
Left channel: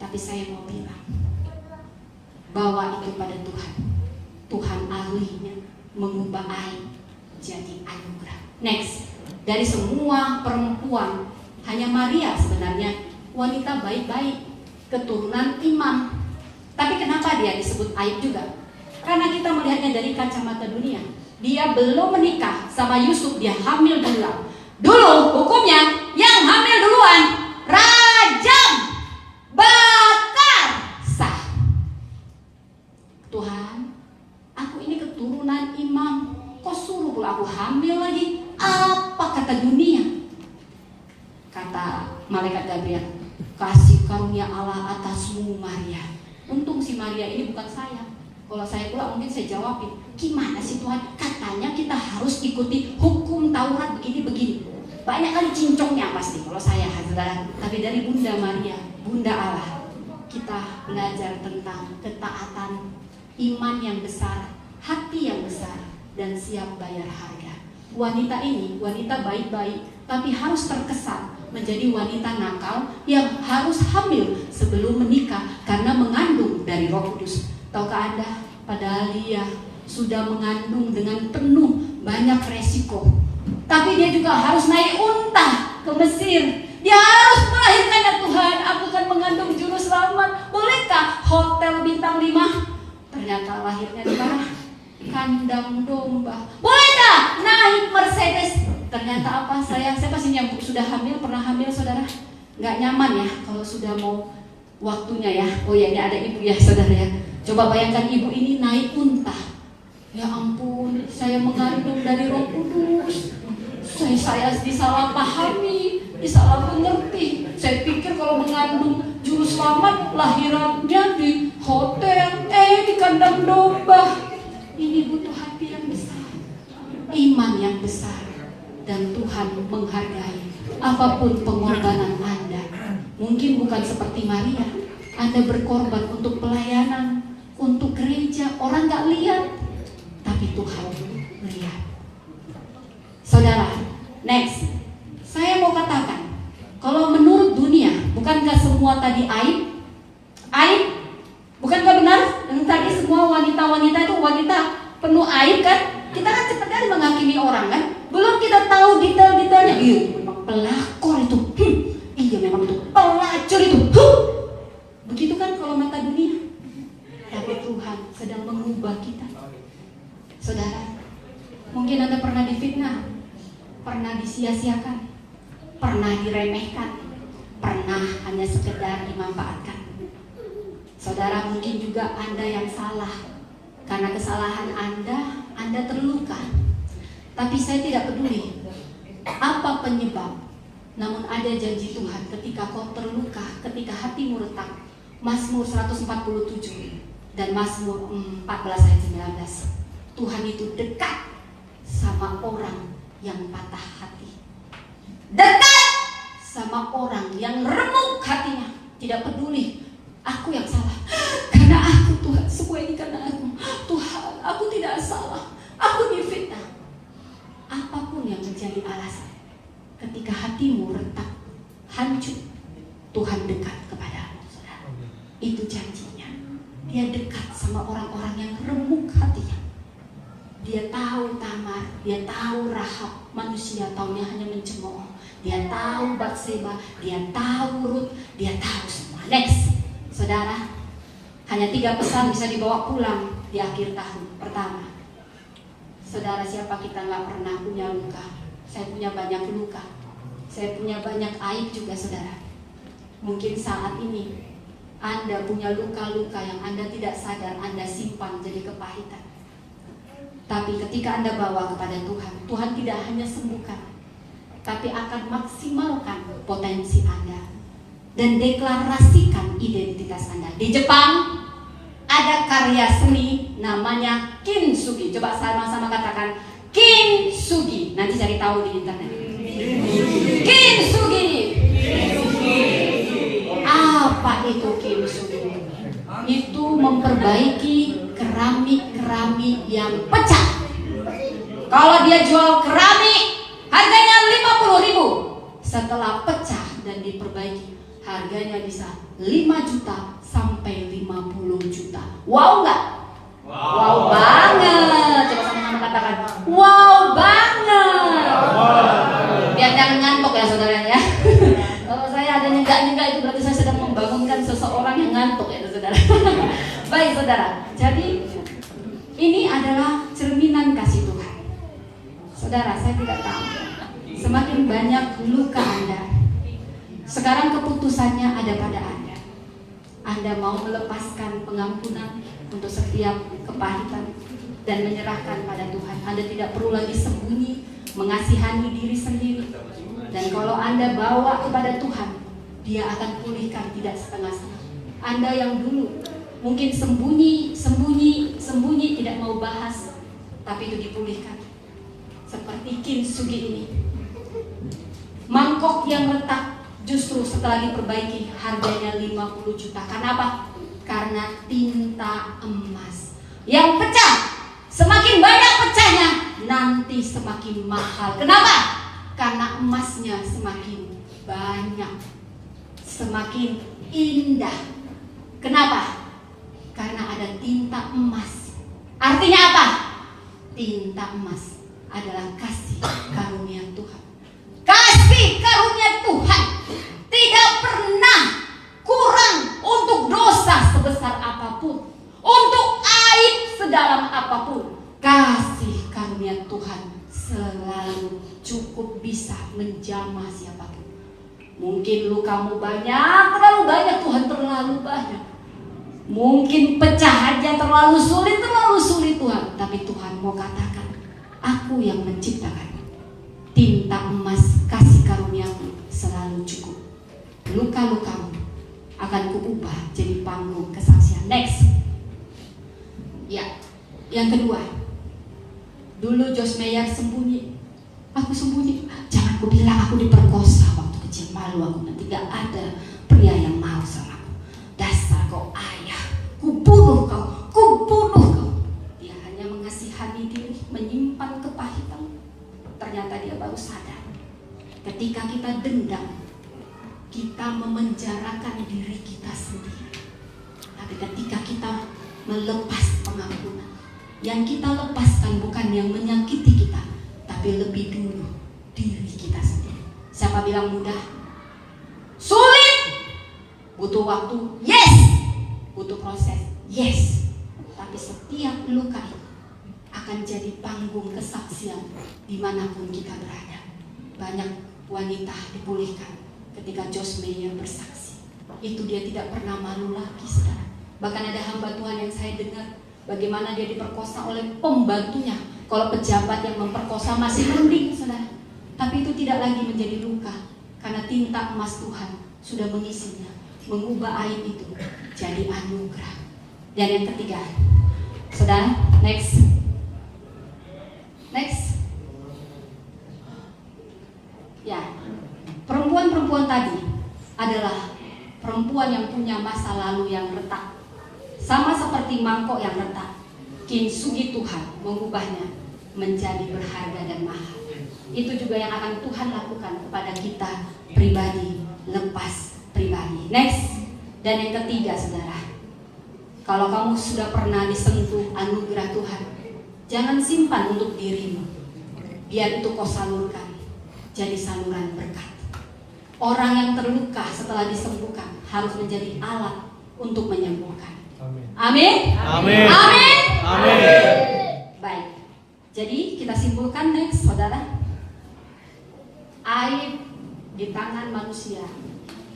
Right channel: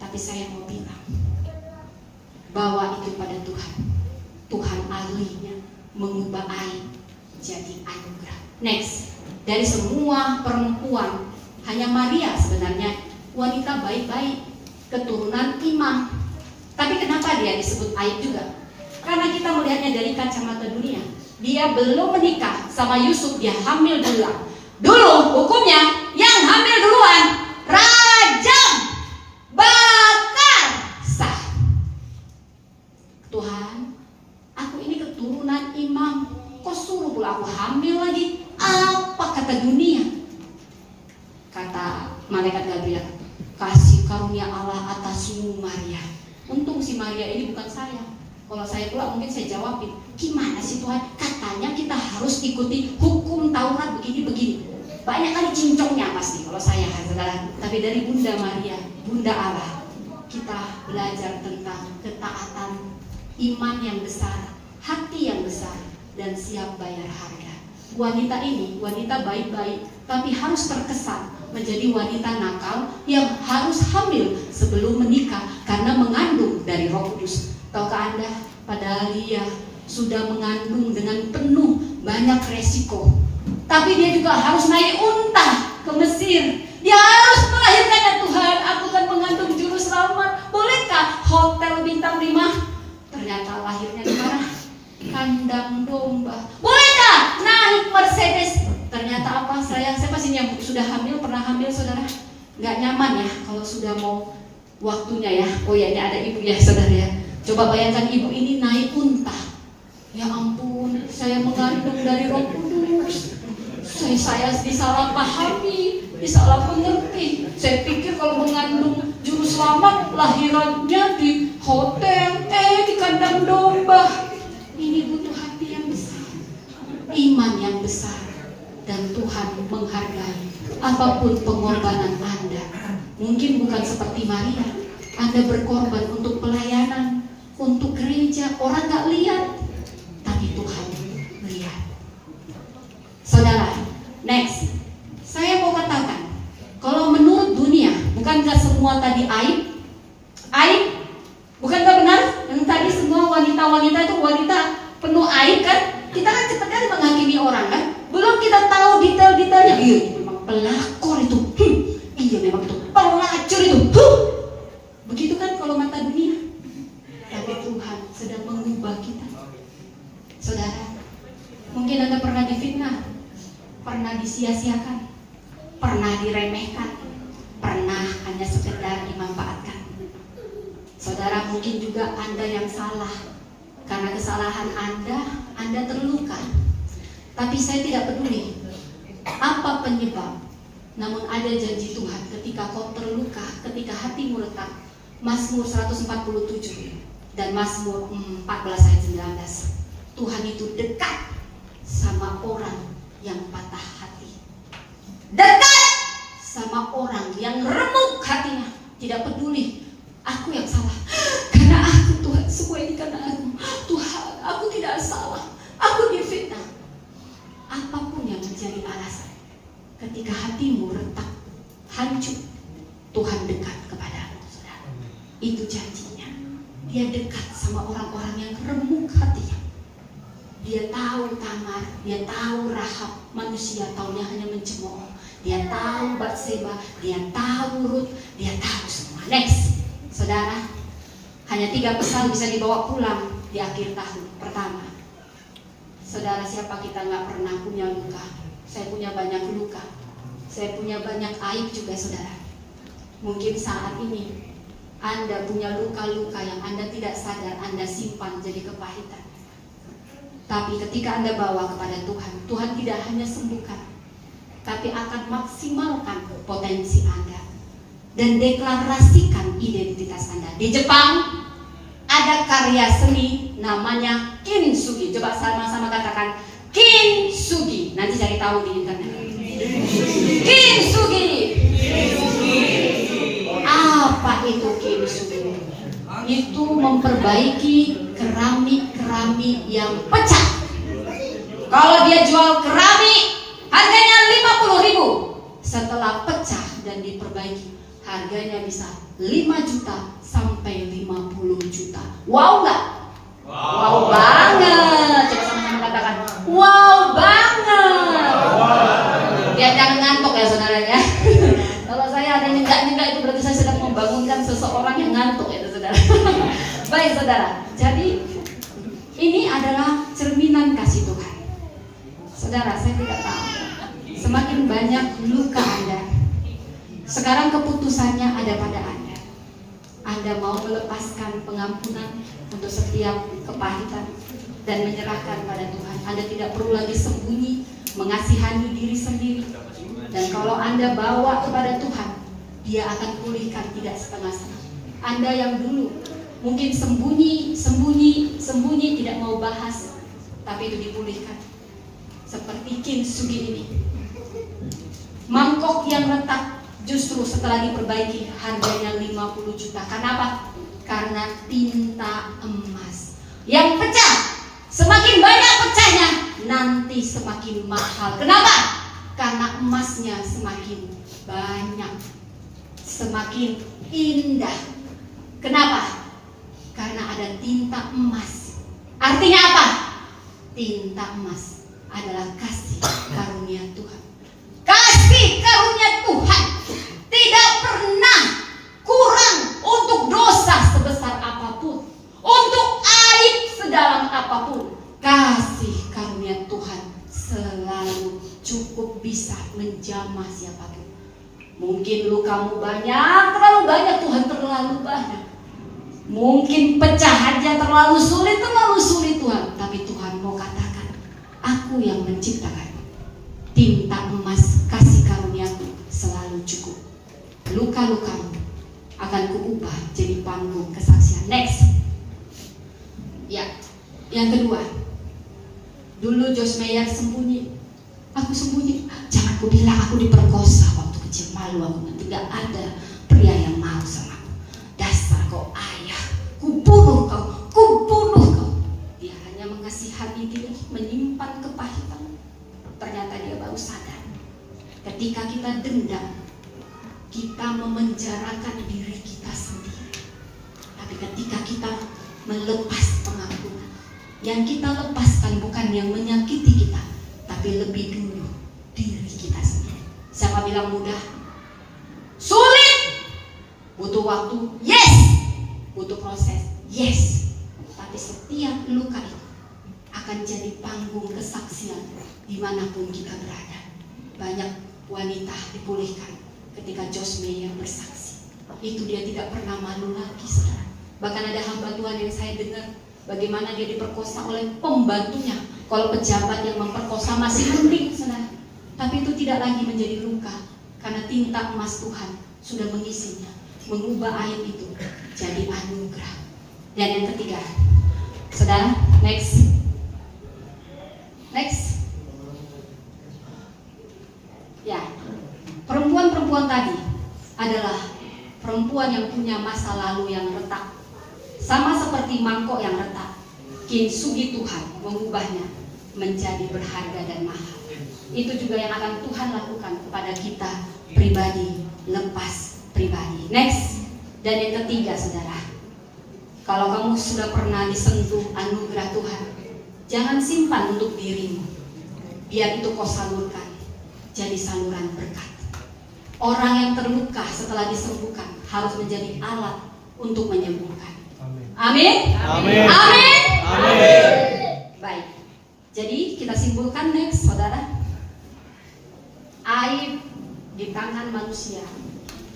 Tapi saya mau bilang, bawa itu pada Tuhan. Tuhan ahlinya mengubah air jadi anugerah. Next, dari semua perempuan, hanya Maria sebenarnya wanita baik-baik, keturunan imam. Tapi kenapa dia disebut aib juga? Karena kita melihatnya dari kacamata dunia. Dia belum menikah sama Yusuf, dia hamil dulu. Dulu hukumnya yang hamil duluan rajam, bakar, sah. Tuhan, aku ini keturunan imam, kok suruh aku hamil lagi? Apa kata dunia? Kata malaikat Gabriel, kasih karunia Allah atasmu Maria. Untung si Maria ini bukan saya. Kalau saya pula mungkin saya jawabin, gimana sih Tuhan? Katanya kita harus ikuti hukum Taurat begini-begini. Banyak kali cincongnya pasti kalau saya, saudara. Tapi dari Bunda Maria, Bunda Allah, kita belajar tentang ketaatan, iman yang besar, hati yang besar, dan siap bayar harga. Wanita ini, wanita baik-baik, tapi harus terkesan menjadi wanita nakal yang harus hamil sebelum menikah karena mengandung dari Roh Kudus. Tahukah Anda, padahal dia sudah mengandung dengan penuh banyak resiko. Tapi dia juga harus naik unta ke Mesir. Dia harus melahirkannya. Tuhan, aku akan mengandung juru selamat. Bolehkah hotel bintang 5? Ternyata lahirnya di mana? Kandang domba. Bolehkah naik Mercedes? Ternyata apa? Saya pasti nyambut sudah hamil, pernah hamil saudara. Nggak nyaman ya kalau sudah mau waktunya ya. Oh ya, ini ada ibu ya saudara ya. Coba bayangkan ibu ini naik unta. Ya ampun, saya mengandung dari Roh Kudus. Saya disalahpahami, disalah mengerti. Saya pikir kalau mengandung juru selamat lahirannya di hotel, di kandang domba. Ini butuh hati yang besar, iman yang besar, dan Tuhan menghargai apapun pengorbanan Anda. Mungkin bukan seperti Maria, Anda berkorban untuk pelayanan, untuk gereja. Orang gak lihat, tapi Tuhan melihat. Saudara, next, saya mau katakan, kalau menurut dunia, bukankah semua tadi aib? Aib? Bukankah benar? Yang tadi semua wanita-wanita itu wanita penuh aib kan? Kita kan cepat kan menghakimi orang kan? Belum kita tahu detail-detailnya. Iya, memang pelakor itu. Iya, memang itu pelacur itu. Begitu kan kalau mata dunia. Tapi Tuhan sedang mengubah kita. Saudara, mungkin Anda pernah difitnah, pernah disia-siakan, pernah diremehkan, pernah hanya sekedar dimanfaatkan. Saudara, mungkin juga Anda yang salah. Karena kesalahan Anda terluka. Tapi saya tidak peduli apa penyebab. Namun ada janji Tuhan ketika kau terluka, ketika hatimu retak. Mazmur 147 dan Mazmur 14 ayat 19. Tuhan itu dekat sama orang yang patah hati. Dekat sama orang yang remuk hatinya. Tidak peduli aku yang salah, karena aku Tuhan, semua ini karena aku. Tuhan, aku tidak salah, aku difitnah. Apapun yang menjadi alasan, ketika hatimu retak, hancur, Tuhan dekat kepadamu. Itu janjinya. Dia dekat sama orang-orang yang remuk hatinya. Dia tahu Tamar, dia tahu Rahab, manusia taunya hanya mencemooh. Dia tahu Batseba, dia tahu Rut, dia tahu semua. Next, saudara, hanya 3 pesan bisa dibawa pulang di akhir tahun. Pertama, saudara, siapa kita nggak pernah punya luka? Saya punya banyak luka, saya punya banyak aib juga saudara. Mungkin saat ini Anda punya luka-luka yang Anda tidak sadar Anda simpan jadi kepahitan. Tapi ketika Anda bawa kepada Tuhan, Tuhan tidak hanya sembuhkan, tapi akan maksimalkan potensi Anda dan deklarasikan identitas Anda. Di Jepang ada karya seni namanya kintsugi. Coba sama-sama katakan kintsugi. Nanti cari tahu di internet. Kintsugi. Apa itu kintsugi? Itu memperbaiki keramik-keramik yang pecah. Kalau dia jual keramik harganya 50.000, setelah pecah dan diperbaiki harganya bisa 5 juta sampai 50 juta. Wow nggak? Wow banget. Coba sama-sama katakan wow banget. Biar jangan ngantuk ya saudara ya. Kalau saya ada nyegak-nyegak itu berarti saya sedang membangunkan seseorang yang ngantuk ya saudara. Baik saudara, jadi ini adalah cerminan kasih Tuhan. Saudara, saya tidak tahu, semakin banyak luka Anda, sekarang keputusannya ada pada Anda. Anda mau melepaskan pengampunan untuk setiap kepahitan dan menyerahkan pada Tuhan. Anda tidak perlu lagi sembunyi, mengasihani diri sendiri. Dan kalau Anda bawa kepada Tuhan, Dia akan pulihkan, tidak setengah-setengah. Anda yang dulu mungkin sembunyi, tidak mau bahas, tapi itu dipulihkan. Seperti kintsugi ini, mangkok yang retak justru setelah diperbaiki harganya 50 juta. Kenapa? Karena tinta emas yang pecah. Semakin banyak pecahnya, nanti semakin mahal. Kenapa? Karena emasnya semakin banyak, semakin indah. Kenapa? Karena ada tinta emas. Artinya apa? emas adalah kasih karunia Tuhan. Kasih karunia Tuhan tidak pernah kurang untuk dosa sebesar apapun, untuk aib sedalam apapun. Kasih karunia Tuhan selalu cukup bisa menjamah siapapun. Mungkin lukamu banyak, terlalu banyak, Tuhan terlalu banyak. Mungkin pecahannya terlalu sulit Tuhan. Tapi Tuhan mau katakan, aku yang menciptakan. Tinta emas kasih karuniaku selalu cukup. Luka-lukamu akan kuubah jadi panggung kesaksian. Next. Ya, yang kedua. Dulu Josh Meyer sembunyi. Aku sembunyi. Jangan ku bilang aku diperkosa waktu kecil, malu aku. Nanti gak ada pria yang mau sama aku. Dasar kau ayah, ku bunuh kau. Dia hanya mengasihani diri, menyimpan kepahitan. Ternyata dia baru sadar. Ketika kita dendam, kita memenjarakan diri kita sendiri. Tapi ketika kita melepas pengampunan, yang kita lepaskan bukan yang menyakiti kita, tapi lebih dulu diri kita sendiri. Siapa bilang mudah? Sulit. Butuh waktu? Yes. Butuh proses? Yes. Tapi setiap luka itu akan jadi panggung kesaksian dimanapun kita berada. Banyak wanita dipulihkan ketika Josh Meyer bersaksi. Itu dia tidak pernah malu lagi, saudara. Bahkan ada hamba Tuhan yang saya dengar bagaimana dia diperkosa oleh pembantunya. Kalau pejabat yang memperkosa masih mending, saudara. Tapi itu tidak lagi menjadi luka, karena tinta emas Tuhan sudah mengisinya, mengubah aib itu jadi anugerah. Dan yang ketiga, saudara, next. Ya, perempuan tadi adalah perempuan yang punya masa lalu yang retak. Sama seperti mangkok yang retak, kintsugi Tuhan mengubahnya menjadi berharga dan mahal. Itu juga yang akan Tuhan lakukan kepada kita pribadi, lepas pribadi. Next. Dan yang ketiga, saudara, kalau kamu sudah pernah disentuh anugerah Tuhan, jangan simpan untuk dirimu. Biar itu kau salurkan jadi saluran berkat. Orang yang terluka setelah disembuhkan harus menjadi alat untuk menyembuhkan. Amin. Amin. Amin. Amin. Baik. Jadi kita simpulkan next, saudara. Aib di tangan manusia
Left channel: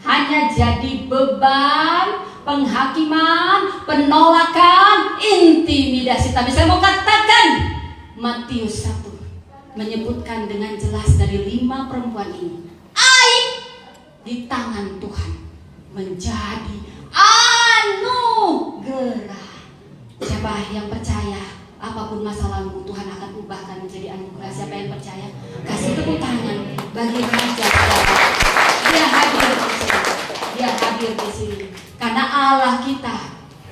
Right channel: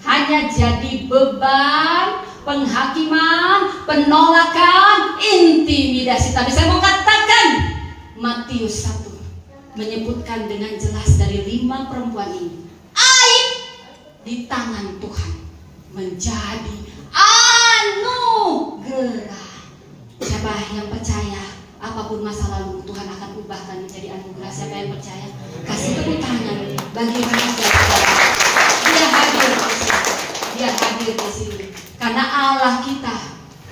hanya jadi beban, penghakiman, penolakan, intimidasi. Tapi saya mau katakan, Matius 1 menyebutkan dengan jelas dari 5 perempuan ini, aib di tangan Tuhan menjadi anugerah. Siapa yang percaya apapun masa lalu Tuhan akan ubahkan menjadi anugerah? Siapa yang percaya? Kasih tepuk tangan bagi Raja. Dia hadir di sini. Karena Allah kita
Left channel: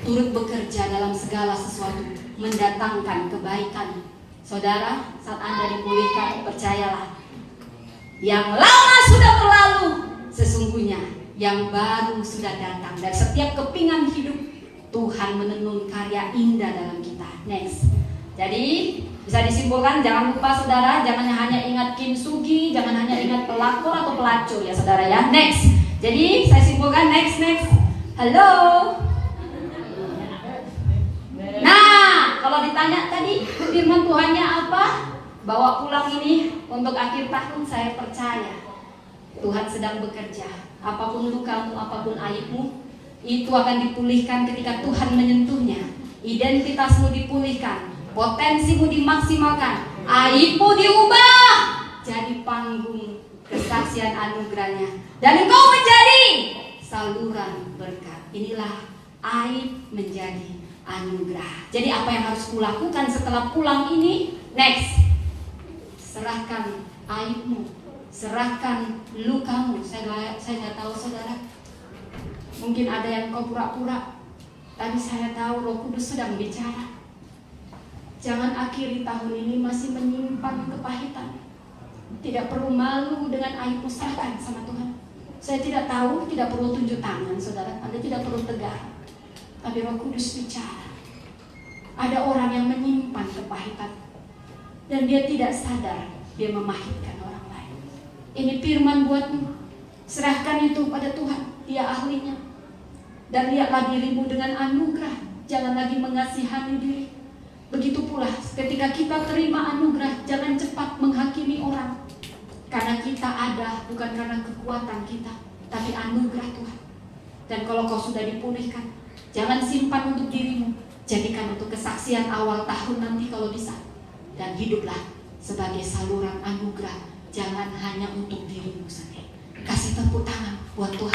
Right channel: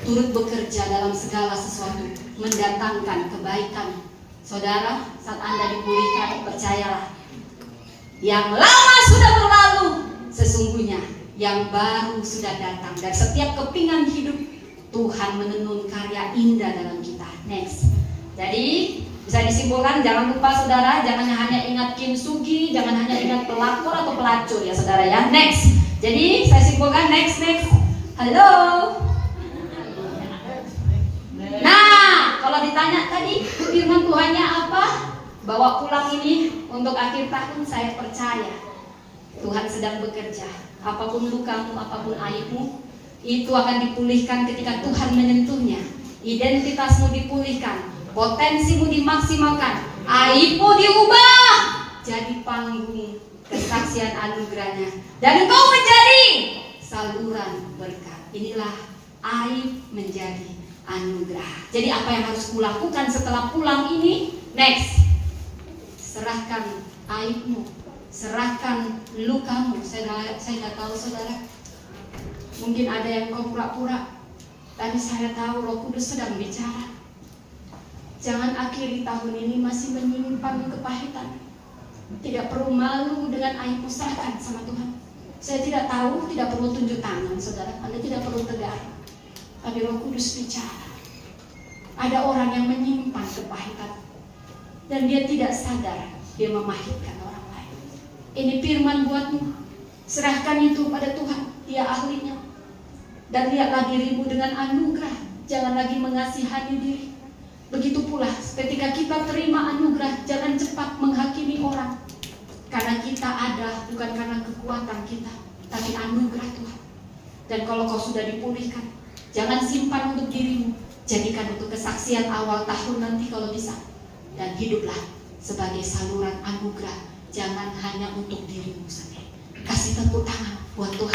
turut bekerja dalam segala sesuatu, mendatangkan kebaikan. Saudara, saat Anda dipulihkan, percayalah, yang lama sudah berlalu, sesungguhnya yang baru sudah datang. Dan setiap kepingan hidup, Tuhan menenun karya indah dalam kita. Next. Jadi bisa disimpulkan, jangan lupa saudara, jangan hanya ingat kintsugi, jangan hanya ingat pelakor atau pelacur ya saudara ya. Next. Jadi saya simpulkan, next. Halo. Nah, kalau ditanya tadi firman Tuhannya apa? Bawa pulang ini untuk akhir tahun, saya percaya Tuhan sedang bekerja. Apapun lukamu, apapun aibmu, itu akan dipulihkan ketika Tuhan menyentuhnya. Identitasmu dipulihkan, potensimu dimaksimalkan, aibmu diubah jadi panggung kesaksian anugerahnya, dan kau menjadi saluran berkat. Inilah aib menjadi anugerah. Jadi apa yang harus kulakukan setelah pulang ini? Next. Serahkan aibmu, serahkan lukamu. Saya nggak tahu saudara, mungkin ada yang kau pura-pura, tapi saya tahu Roh Kudus sedang bicara. Jangan akhiri tahun ini masih menyimpan kepahitan. Tidak perlu malu dengan aibmu, serahkan sama Tuhan. Saya tidak tahu, tidak perlu tunjuk tangan saudara, Anda tidak perlu tegar. Tapi Roh Kudus bicara. Ada orang yang menyimpan kepahitan. dan dia tidak sadar dia memahitkan orang lain. Ini firman buatmu. Serahkan itu pada Tuhan, Dia ahlinya. Dan lihatlah dirimu dengan anugerah. Jangan lagi mengasihani diri. Begitu pula ketika kita terima anugerah, jangan cepat menghakimi orang. Karena kita ada bukan karena kekuatan kita, tapi anugerah Tuhan. Dan kalau kau sudah dipulihkan, jangan simpan untuk dirimu. Jadikan untuk kesaksian awal tahun nanti kalau bisa. Dan hiduplah sebagai saluran anugerah. Jangan hanya untuk dirimu sendiri. Kasih tepuk tangan buat Tuhan.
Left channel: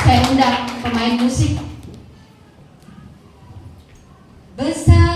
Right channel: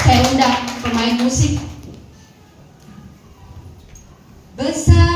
Saya undang pemain musik. Besar